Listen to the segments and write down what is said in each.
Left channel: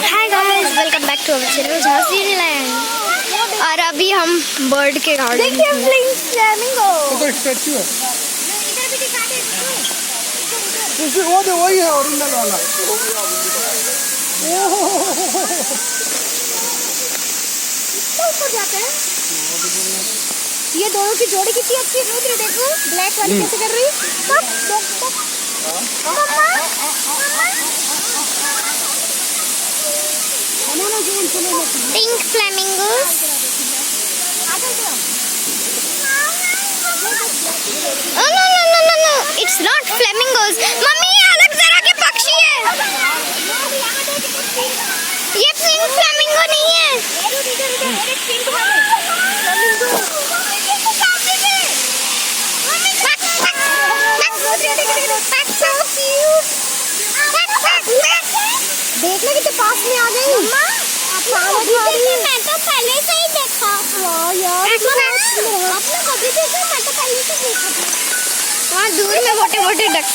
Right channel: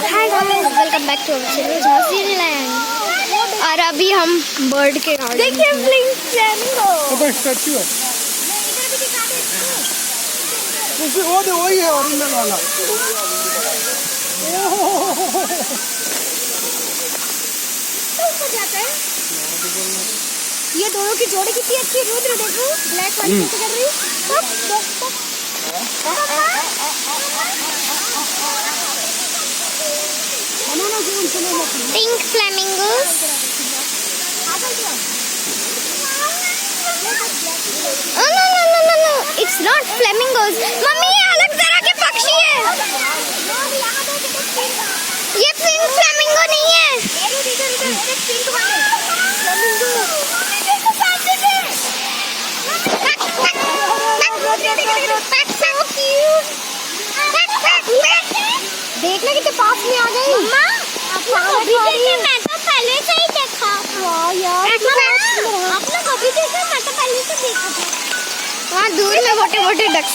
Hi guys, welcome back to our channel Jhansi land. और अभी हम बर्ड के गार्डन में वही है ओरिजिनल वाला। ये दोनों की जोड़ी कितनी अच्छी है। रुद्र देखो, ब्लैक वाली कैसे कर रही। Pink flamingos. Oh no no no no no! It's not flamingos. Mummy ये अलग तरह के पक्षी है। ये पिंक फ्लेमिंगो नहीं है। देखने के तो पास में आ गई। मैं तो पहले से ही देखा। वहाँ दूर में मोटे मोटे डक्स।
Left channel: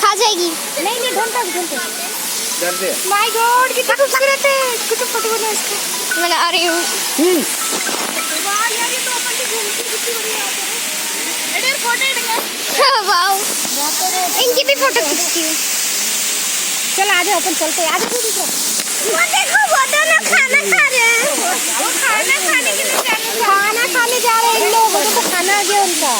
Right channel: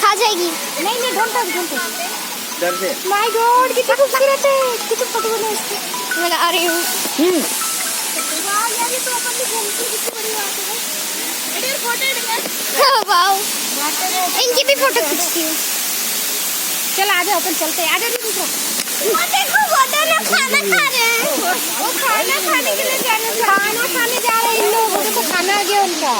खा जाएगी। नहीं ढूंढते। माय गॉड कितना खूबसूरत है। कितना फोटो बना इसको। मैं आ रही हूँ। वाओ, इनकी भी फोटो खींचती हूँ। चल आजा, अपन चलते हैं। आजा दूसरा। देखो वो दोनों खाना खा रहे हैं। वो खाना खाने के लिए खाना खाने जा रहे हैं। इन लोगों को खाना आ गया उनका।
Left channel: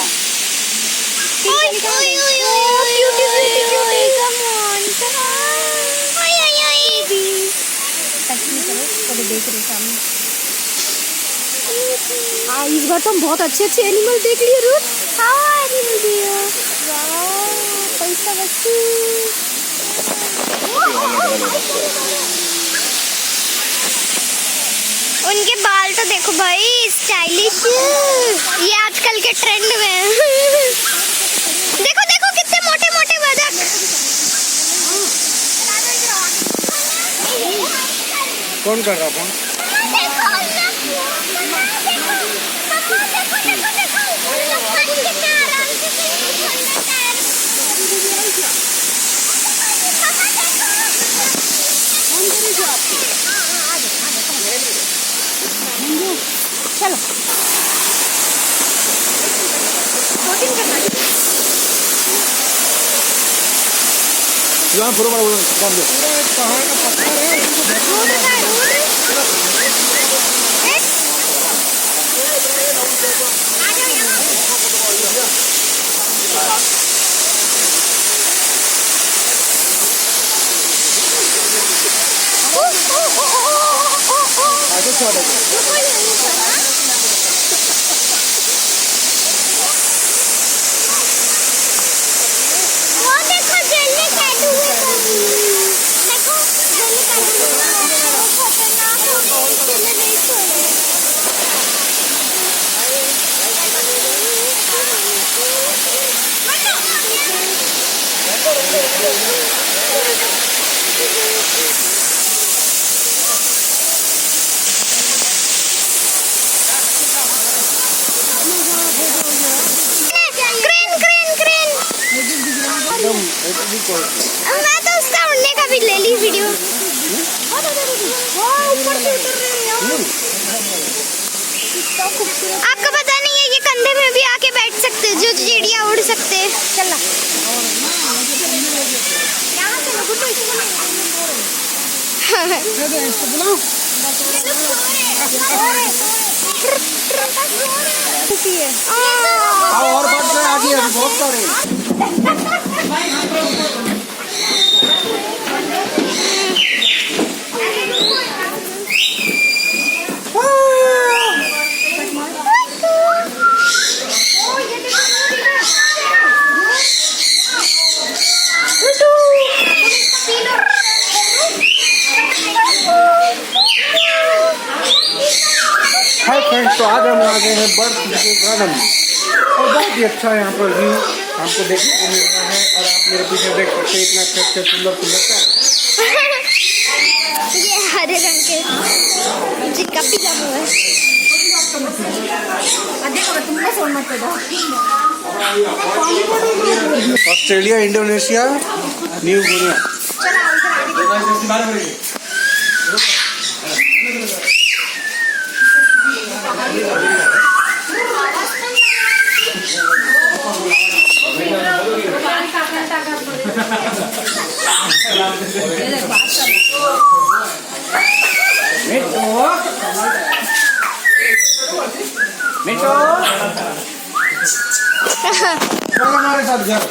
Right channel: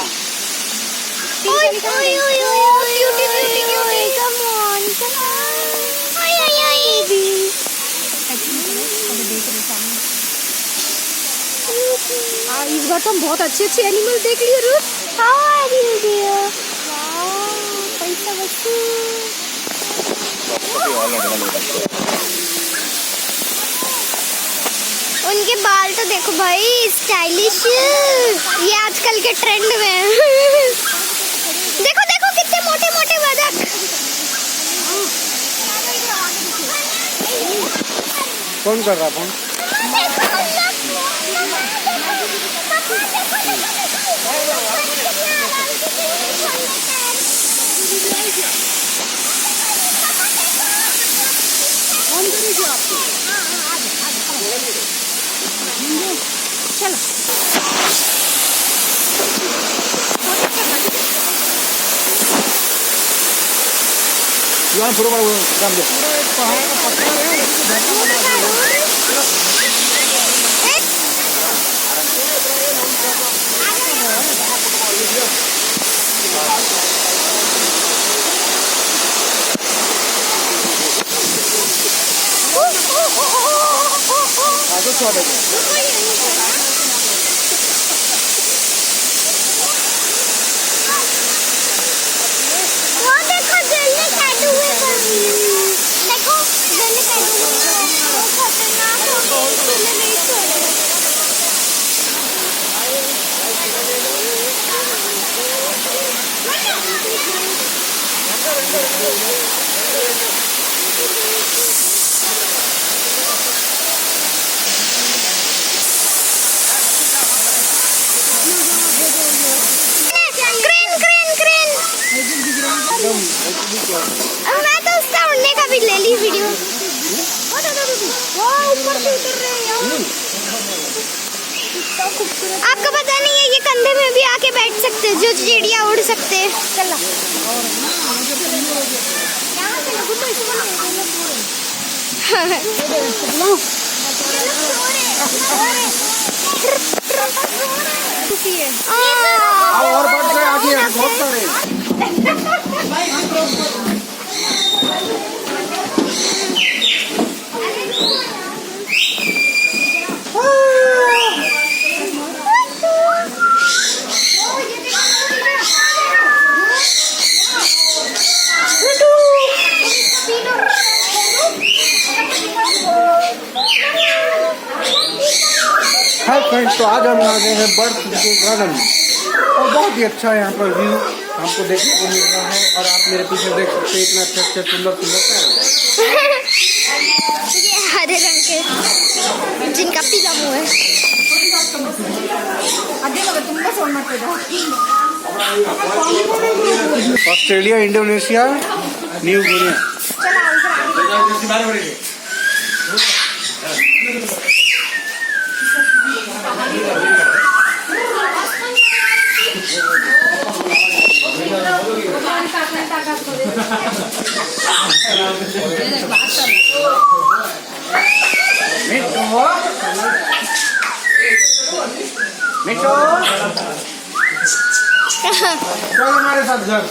इस बार तुम बहुत अच्छे एनिमल देख लिए रुथ। पैसा बच्ची। उनके बाल तो देखो भाई, स्टाइलिश। ये आजकल के ट्रेंड में है। देखो देखो कितने मोटे मोटे बदक। कौन कर रहा था? चलो यहाँ पूरा बड़ा काम दे। मैं तो उसका उड़ने का भी ले ली वीडियो। आपको पता नहीं है, ये कंधे में भी आके बैठ सकते हैं, जो चिड़िया उड़ सकते हैं। चलना और बहुत सारे। हाँ फ्रेंड्स, तो आज हम आ गए हैं बर्ड के गार्डन में और बहुत ही अच्छा यहाँ पर व्यू हमको देखने को मिल रहा है। और आप मेरे पीछे देख सकते हैं इतना अच्छा सुंदर सुंदर ये हरे रंग के जिनका पीला मुँह है। Australia, Indonesia, New Guinea. मिठो चल हमारे साथ घर।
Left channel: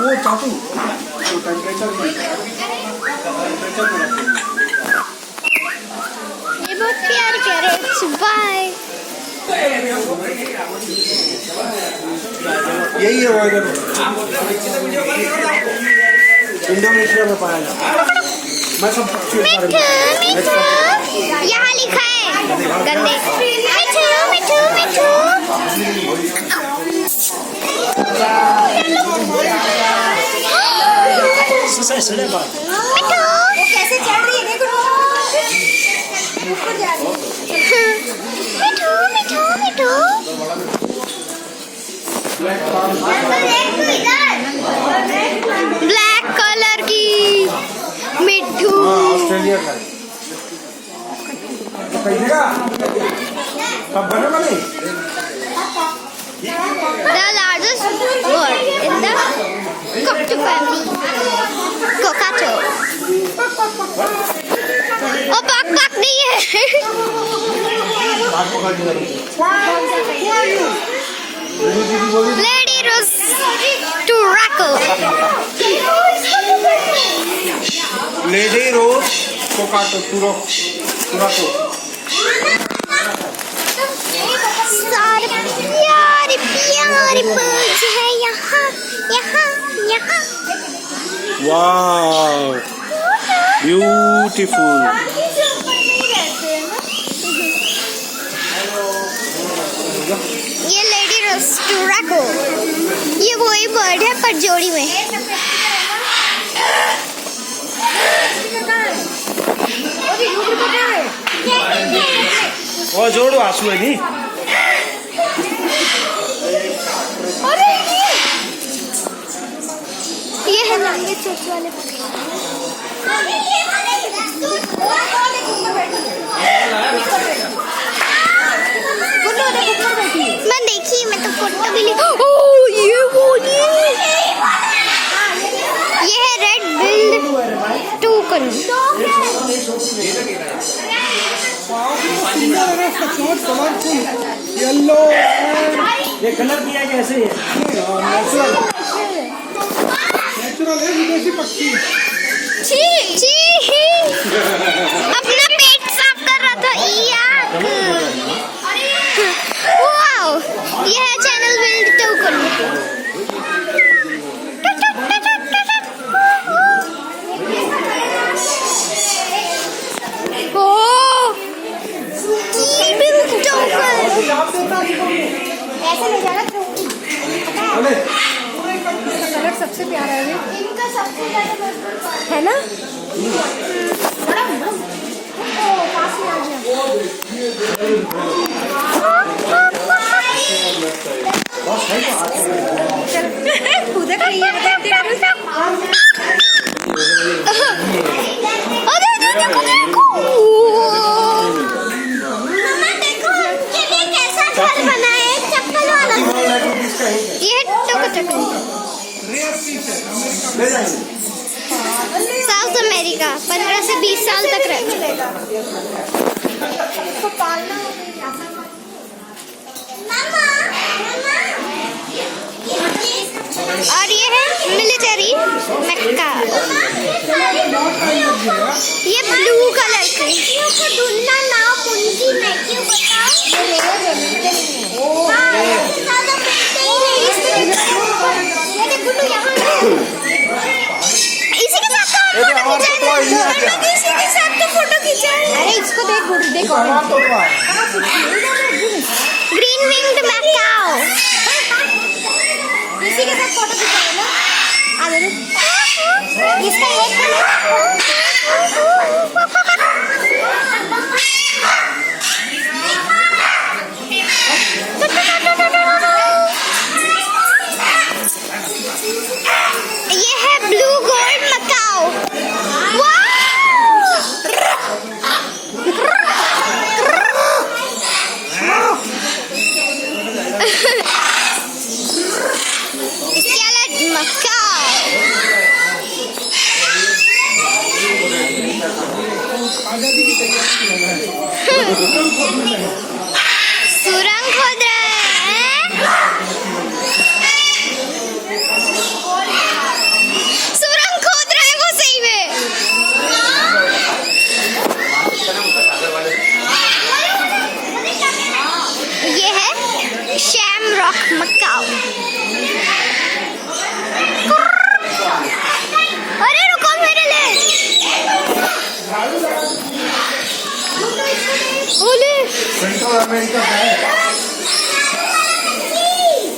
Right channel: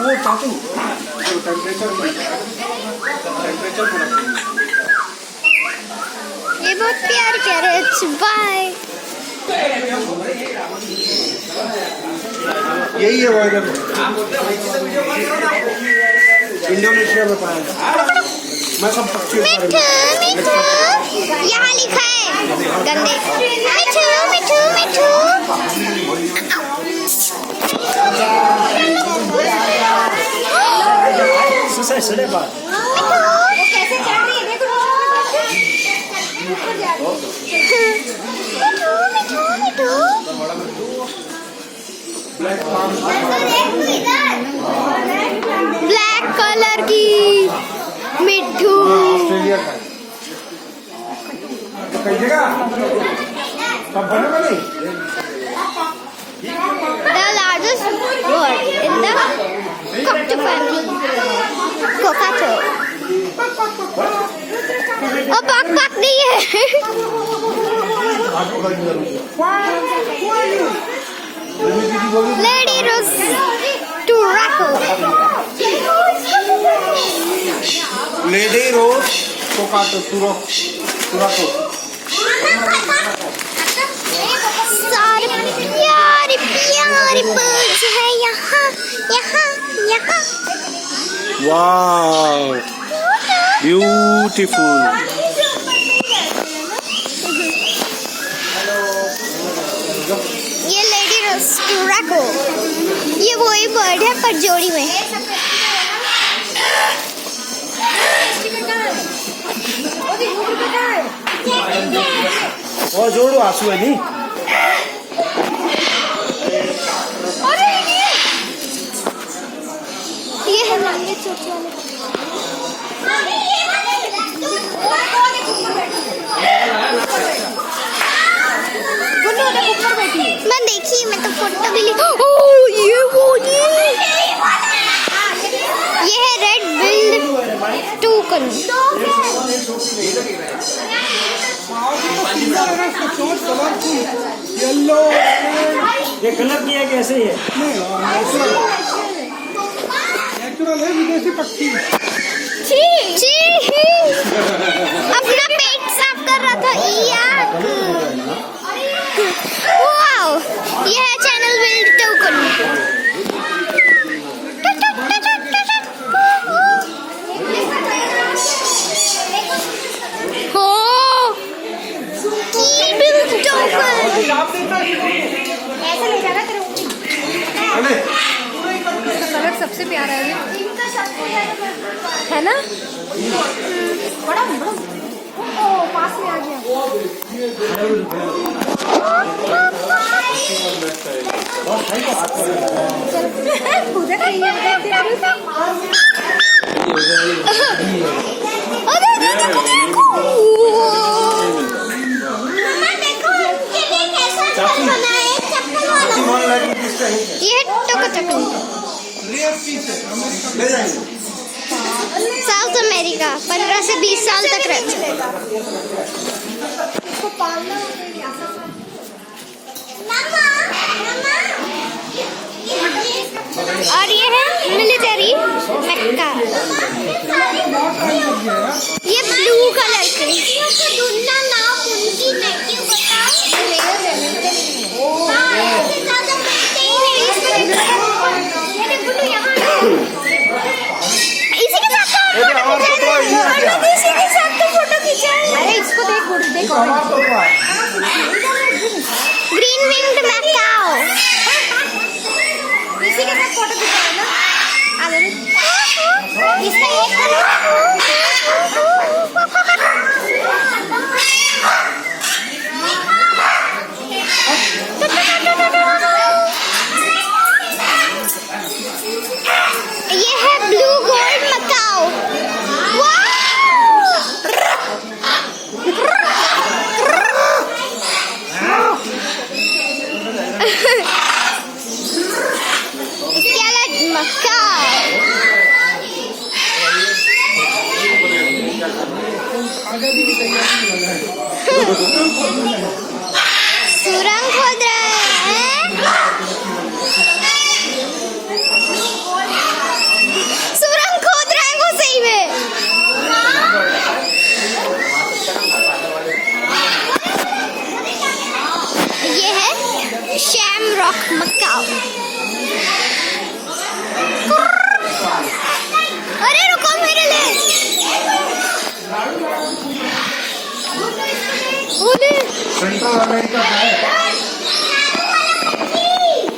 वो चाचू ये बहुत प्यारे प्यारे। बाय। यही है वो इधर इंडोनेशिया में पाया जाता है। मैं सब पक्षी मिठू मिठू यहाँ लिखा है गंदे। मिठू मिठू मिठू मिठू कैसे चढ़ रही है देखो। मिठू मिठू मिठू ब्लैक कलर की मिठू। ऑस्ट्रेलिया का The largest bird in the cockatoo family. Cockatoo. Oh, bak नहीं है। Lady Rose Turaco. लेडी रोज कोकाटो तुराको। सारे प्यारे प्यारे birds है यहाँ यहाँ यहाँ। वाव ब्यूटीफुल। ये लेडी रोज टूराको, ये वही बर्ड है पर जोड़ी में। वो जोड़ो आंसू है नी। ये है ना ये चोच वाले। मैं देखी, मैं तो फोटो भी ली। ओह ये वो ये है रेड बिल्ड टूकन। येलो ये कलर दिया कैसे है? नेचुरल है विदेशी पक्षी। छी छी अपना पेट साफ कर रहा था। वाओ ये है चैनल बिल्ड टोकन। कलर सबसे प्यारा है ना? बड़ा पास में आ गया। खुद का ये ये टोकटो साउथ अमेरिका 15 से 20 साल तक रहते हैं। और ये है मिलिट्री मक्का। ये ब्लू कलर के इसी के साथ फोटो खींचा। अरे इसको देखो ग्रीन विंग्ड मैकाओ। इसी के साथ फोटो खींचा ना। इसका आजादी की तैयारी कर रहा है। सुरंग खोद रहे हैं। सुरंग खोद रहे हैं वो सही में। ये है शैमरॉक मकाओ। अरे रुको मेरे लिए। ओले सेंट्रल अमेरिका का है।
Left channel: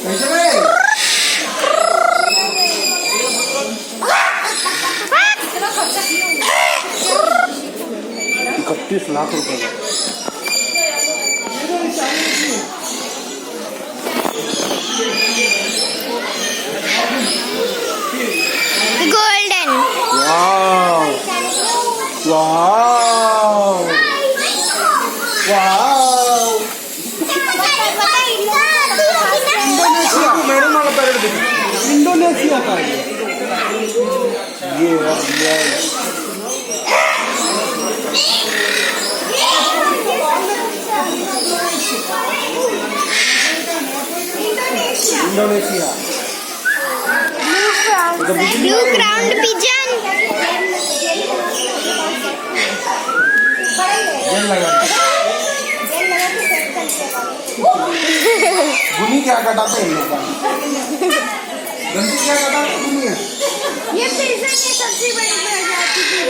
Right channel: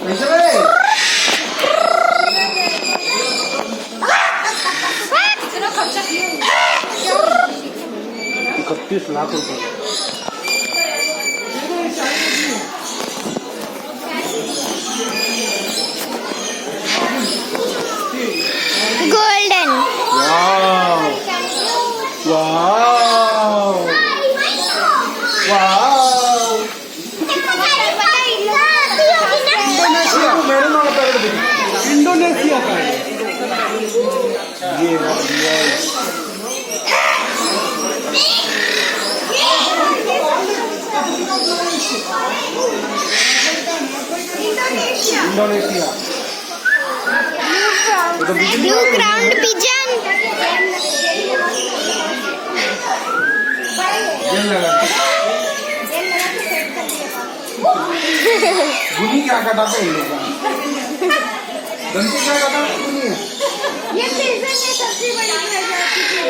कैसे रे? 31 लाख रुपए। Golden. Wow wow wow. Madam वाला पैरेड देखो, इंडोनेशिया का है ये। Indonesia blue crowned pigeon. भूमि क्या काटा था इन लोगों ने? दंती क्या काटा भूमि है? ये पिजन में सबसे बड़ी प्रजाति है।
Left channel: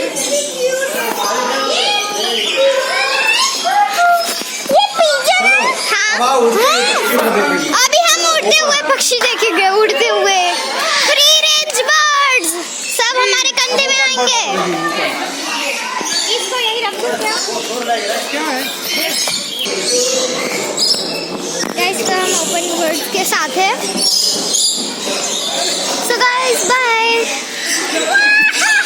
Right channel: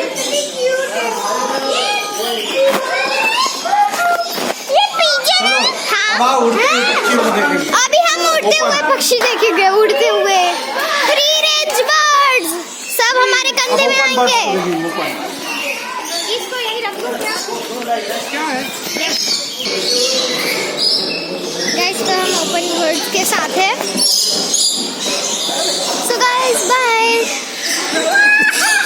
ये पिजन है। हाँ। अभी हम उड़ते हुए पक्षी देखेंगे, उड़ते हुए फ्री रेंज बर्ड्स। सब हमारे कंधे में आएंगे। इसको यही रखो क्या है? गाइस तो हम ओपन वर्ल्ड के साथ है। So guys bye.